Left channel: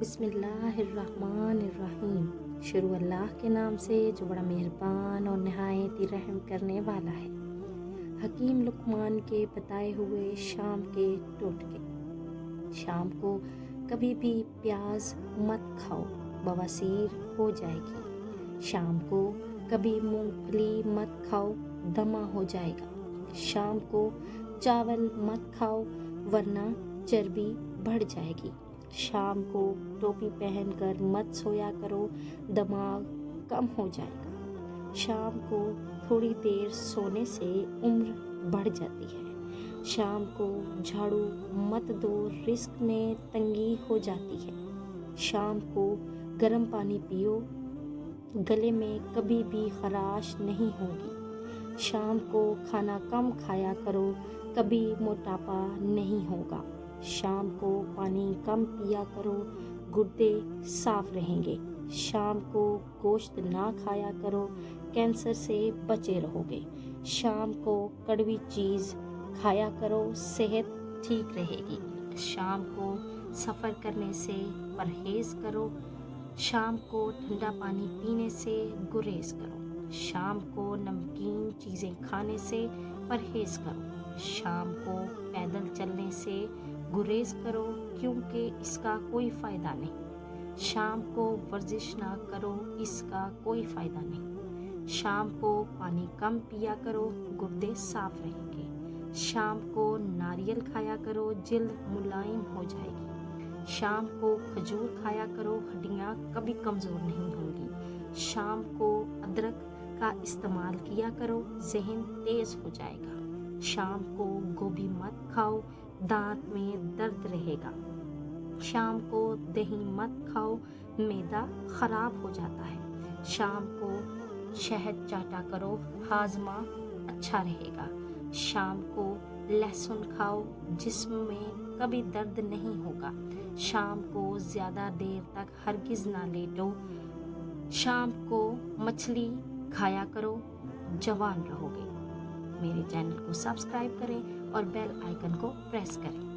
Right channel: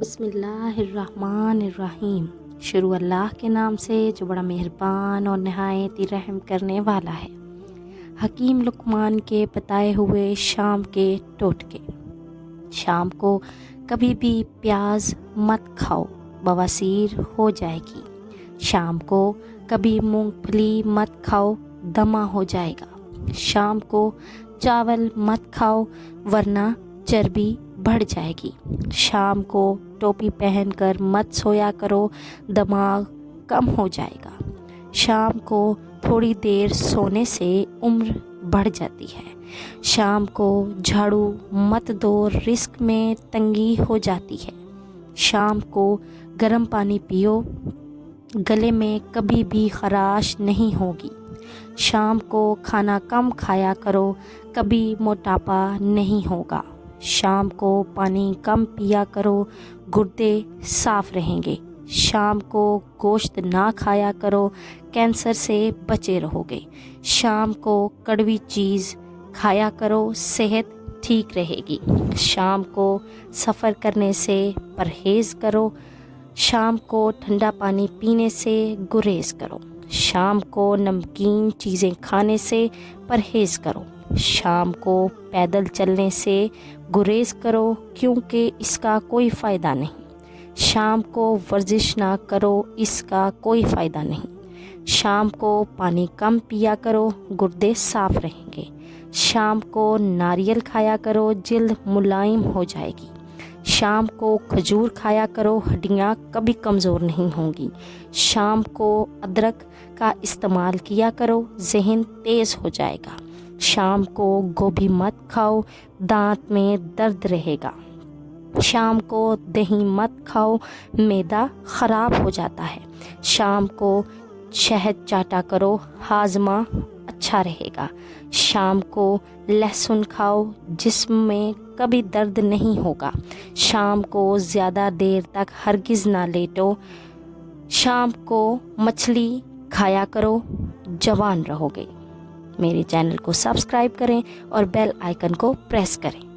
بسم اللہ الرحمن الرحیم۔ شروع اللہ کے نام سے جو بڑا مہربان اور نہایت ہی رحم کرنے والا ہے۔ حکیم لقمان کے بتائے ہوئے شام کے ٹوٹکے۔ شام کو کبھی بھی پیاز مت کھاؤ، بواسیر ہو جائے گی۔ شام کو کبھی مونگ پھلی مت کھاؤ، دمہ ہو جائے گا۔ شام کو چاول مت کھاؤ ورنہ چربی بڑھ جائے گی۔ شام کو ٹوپی پہن کر مت سویا کرو، دماغ کم ہو جائے گا۔ شام کو تھوڑی دیر سونے سے عمر بڑھ جاتی ہے۔ شام کو جھاڑو مت دو، رزق میں تنگی ہو جاتی ہے۔ شام کو گرم پانی پیو، گلے میں کبھی بھی خراش نہیں ہوگی۔ شام کو کھانا کم کھایا کرو، کبھی موٹاپا نہیں ہوگا۔ شام کو پانی کم پیا کرو، گردے صاف رہیں گے۔ شام کو گوشت نہ کھایا کرو، کینسر سے بچے رہو گے۔ شام کو کڑوی چیز کھایا کرو، صحت ٹھیک رہے گی۔ شام کو سفر کرنے سے پرہیز کرو۔ شام کو ٹھنڈا پانی پینے سے گریز کرو۔ شام کو نمکین چیزیں کھانے سے پرہیز کرو۔ شام کو پیدل چلنے سے گریز کرو، کیونکہ اس کا کوئی فائدہ نہیں۔ شام کو ورزش نہ کرو، اس کا کوئی فائدہ نہیں۔ شام کو پانی کم پیا کرو، گردے صاف رہیں گے۔ شام کو ناریل کھایا کرو، جلد ملائم ہو جائے گی۔ شام کو کھجور کھایا کرو، ہڈیاں کبھی کمزور نہیں ہوں گی۔ شام کو ادرک کا استعمال کیا کرو، ذہن تیز ہو جائے گا۔ شام کو گوبھی مت کھاؤ، دانت میں درد رہے گا۔ شام کو دہی مت کھاؤ، معدہ خراب ہو جاتا ہے۔ شام کو شہد چاٹا کرو، ہاضمہ اچھا رہے گا۔ شام کو لہسن کھاؤ، جسم میں کبھی درد نہیں ہوگا۔ شام کو زیادہ دیر تک ہرگز نہ لیٹو۔ شام کو مچھلی کھایا کرو، جوان رہو گے۔ میرے چینل کو سبسکرائب کریں اور بیل آئیکن کو پریس کریں۔